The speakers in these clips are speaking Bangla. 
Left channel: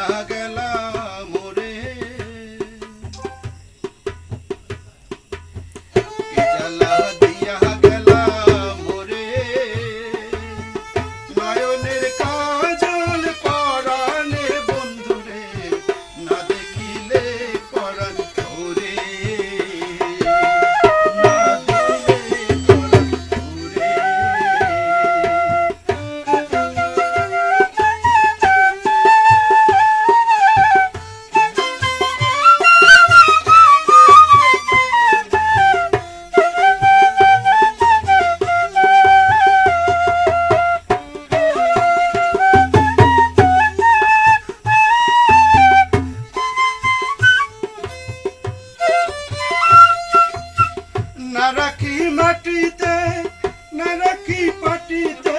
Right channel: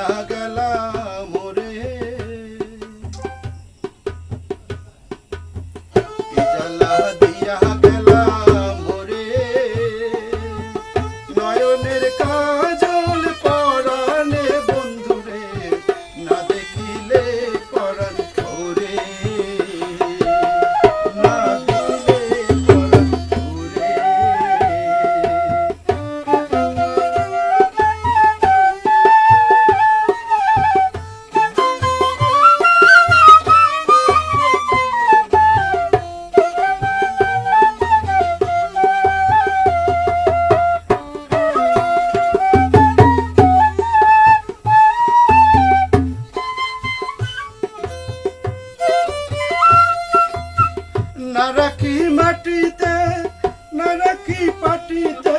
யாக না রাখি মাটিতে না রাখি পাটিতে।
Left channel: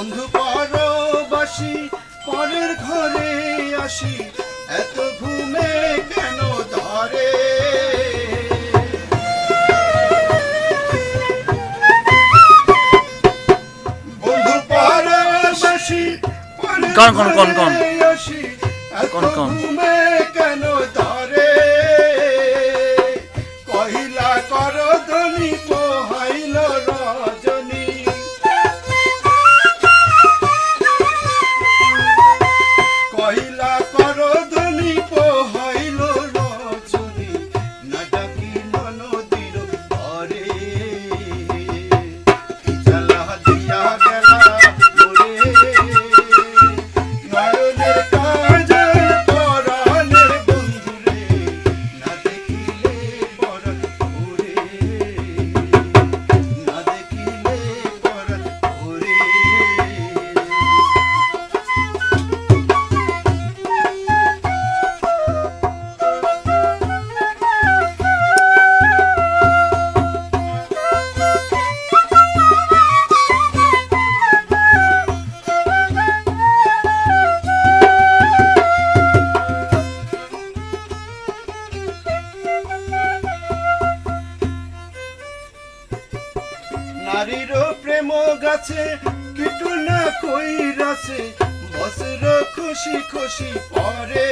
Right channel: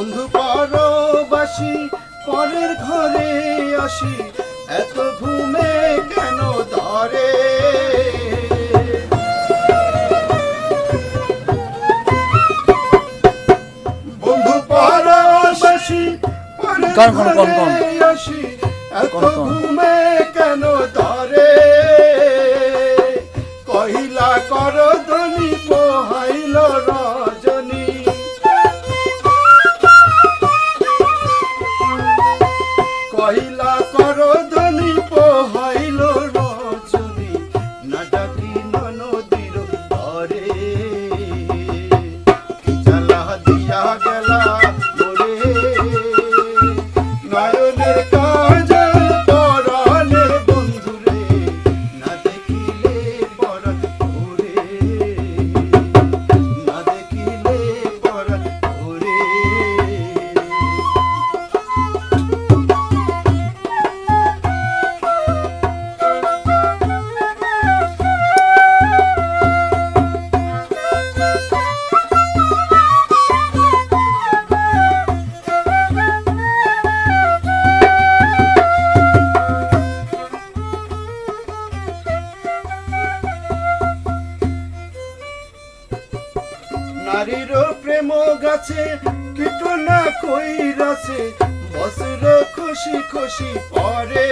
বন্ধু পরবাসি পরের ঘরে আসি। এত ঘুমে কেন ধরে? বন্ধু পরবাসি কোন কোন কোন কোন। কোন কোন। কেন ধরে? নারীর প্রেম গাছে কিটনা কইরাছে বসর খুশি খুশি পরে।